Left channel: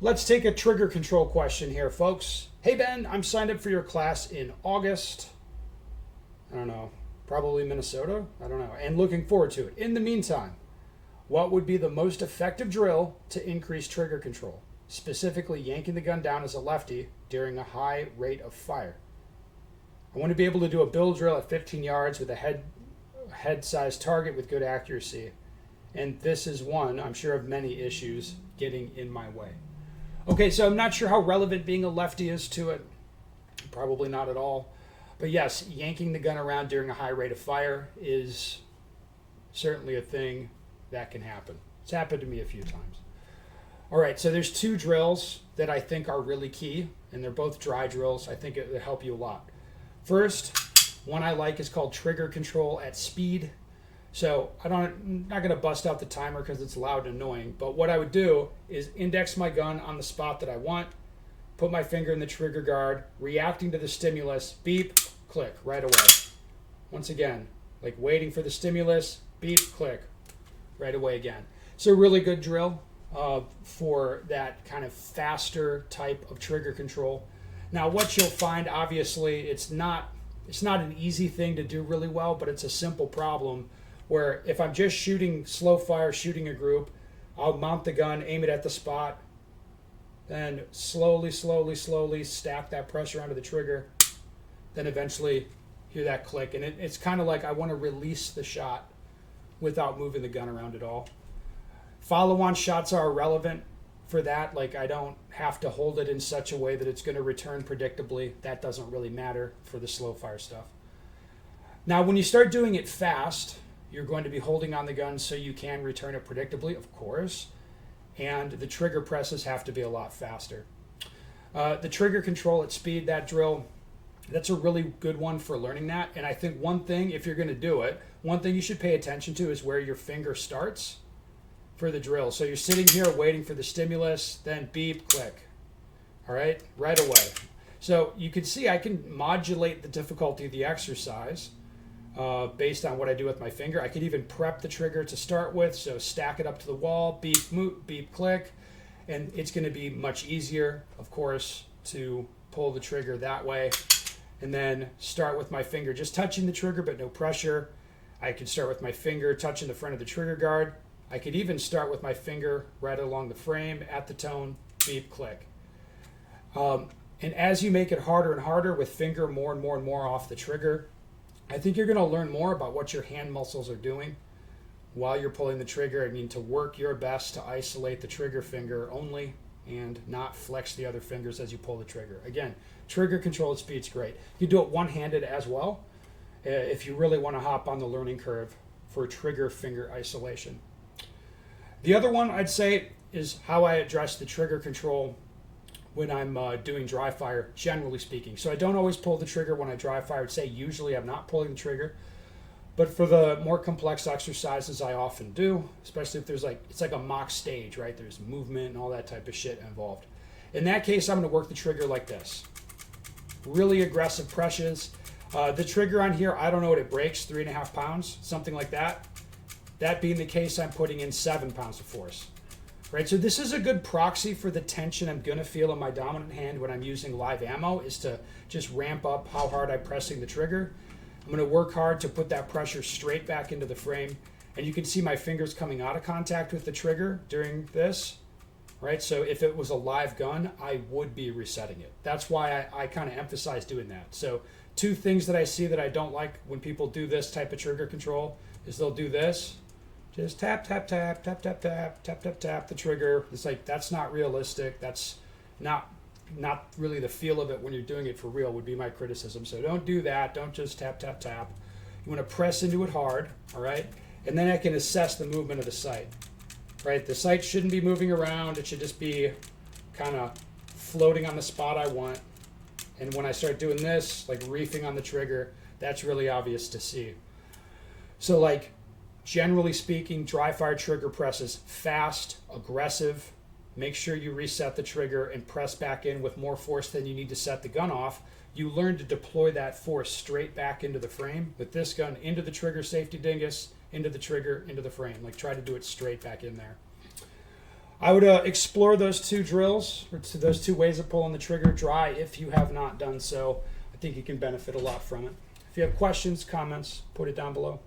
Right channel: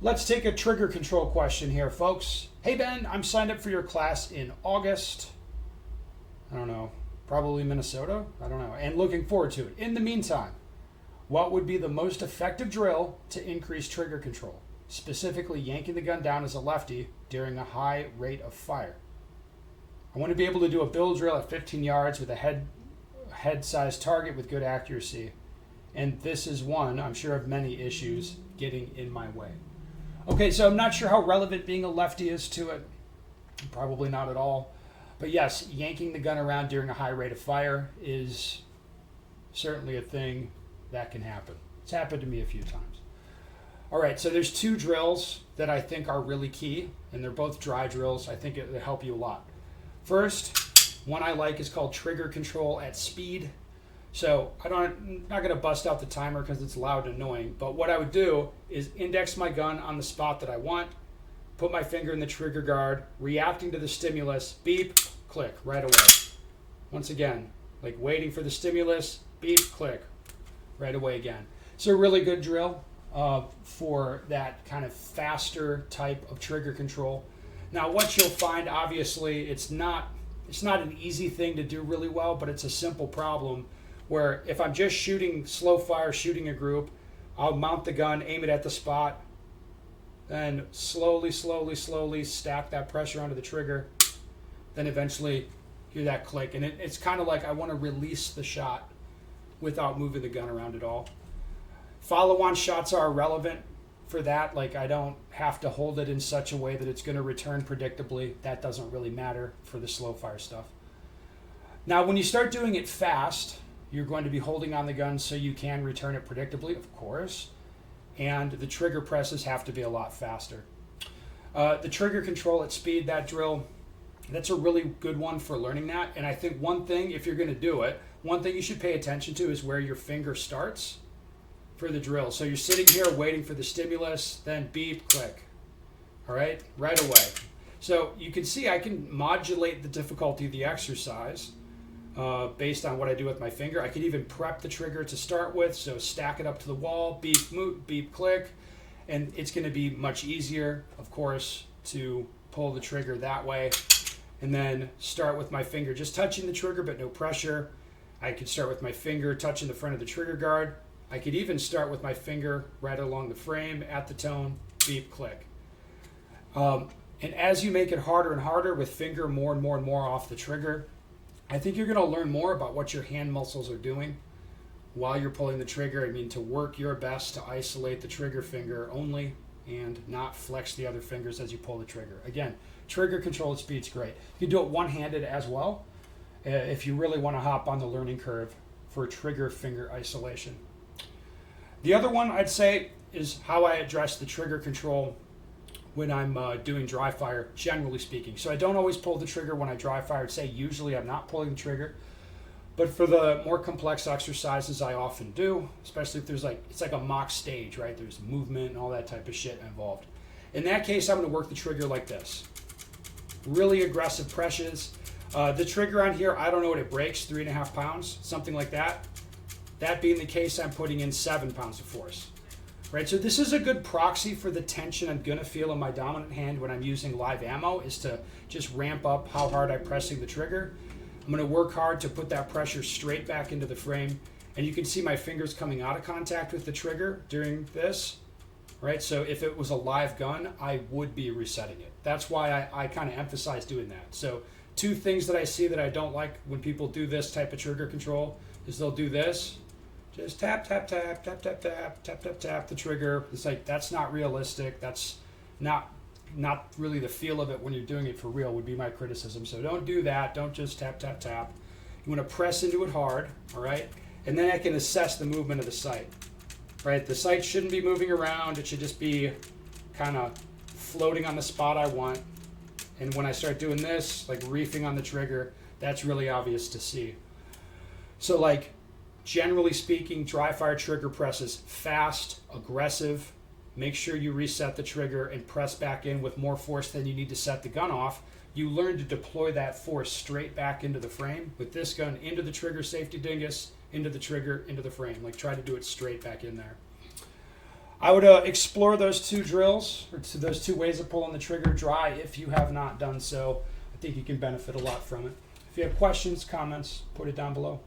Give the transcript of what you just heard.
Let's take a trigger control question here, folks. Hey Ben, I'm signed up for your class in August. I don't know, probably Minnesota? I don't know. And looking forward to it. In the meantime, what would be the most effective drill to increase trigger control? Specifically, yanking the gun down as a lefty during a high rate of fire. I want to be able to do a build drill at 15 yards with a head-sized target with good accuracy. And this is one, I'm sure, of many issues getting in my way. Okay, so I'm not sure how relevant being a lefty is to it. Probably not at all. But yes, yanking the gun around during a high rate of fire is certainly a thing that can happen. It's happened to me a few times. All right, so there's two drills that I think are really key, and they're both dry drills. I think it'll help you a lot. First, one I like is called trigger control at speed. So I'm not going to bust out the timer because it's loud and annoying, but what I would do is index my gun on the spot that I want, put my finger in the trigger guard, reacting to the stimulus, beep, click, right away. Once again, like waiting for the stimulus, beep, click, right away again. So a really good drill for that kind of faster type of trigger control. Now what you'll find, obviously, it's not an easy thing to do really well, but it's a simple problem where if I'm just shooting slow fire, shooting a group, I'll mount the gun, aim it at the spot, and slowly stack that pressure onto the trigger. Then eventually hear that click. And it's kind of like I want to release the shot without moving the gun around at all. Follow-on shots are irrelevant for that. Like I don't have to hold it in such a way that it's going to return predictably. That doesn't really matter for the slow fire stuff. Now, when you start doing it fast, you're going to be holding on the gun so you can return it predictably, of course. And the trigger presses have to be a lot faster. The trigger control at speed, that drill, that's a really good one for learning that. And I think one thing, if you're going to do it, one thing you should pay attention to is where your finger starts for the drill. So you're sitting here waiting for the stimulus, then beep, click. All right, right away. So you can see I can modulate the difficulty of the exercise based on what I do with my finger. I could even prep the trigger to start with, so stack it up to the wall, beep, beep, click, and it's going to be much easier, of course, to pull the trigger that way. And then start with my finger just touching the trigger but no pressure. I could start with my finger touching the front of the trigger guard. I could even start with my finger right along the frame at the tone, beep, click. And as you make it harder and harder with finger more and more off the trigger, I think you're going to learn more about what your hand muscles are doing while you're pulling the trigger. I mean, to work your best to isolate the trigger finger only and not flex the other fingers as you pull the trigger. Again, trigger control at speed's great. You can do it one-handed as well if you really want to hop on the learning curve for trigger finger isolation. The other one I'd say is how I address the trigger control when I'm doing dry fire, generally speaking. So I don't always pull the trigger when I dry fire. I'd say usually I'm not pulling the trigger. But for the more complex exercises, I often do, especially if there's it's like a mock stage, right? There's movement and all that type of shit involved. In that case, I'm going to work the trigger like this. Really aggressive presses. The trigger on here, I don't know what it breaks, 3.5 pounds, something like that. That being the case, I'm putting in 7 pounds of force. Right, so this is a good proxy for the tension I'm going to feel in my dominant hand when I'm using live ammo, is to just ramp up how hard I'm pressing the trigger. I'm going to work hard to put that pressure straight back into the frame. And you can see my fingers coming out of contact with the trigger during this. Right, so if it was a live gun, I would be resetting it. That's why I kind of emphasize doing that. So two things that I see that I don't like when people do this type of trigger control is they'll do this. Just tap the trigger. It's like, that's not realistic. That's not really the feel of it when you're doing it for real, would be my criticism. So don't do that. Don't just tap. You want to press into it hard, all right? And then I can assess the movement of the sight, right? The sight shouldn't be moving around. It should just be kind of floating on the spot I want. And when I start doing this, like reefing on the trigger, that's really obvious to see. So like, generally speaking, dry fire trigger presses fast, aggressive. Make sure you reset the trigger and press back in with more force than you need to set the gun off. You learn to deploy that force straight back into the frame. With this gun, into the trigger safety dingus, into the trigger, into the frame. Like, try to do it straight back in there. I would explore those two drills, or those two ways of pulling the trigger dry if you have not done so. I think you can benefit a lot from it. If you have questions, comments, put it down below.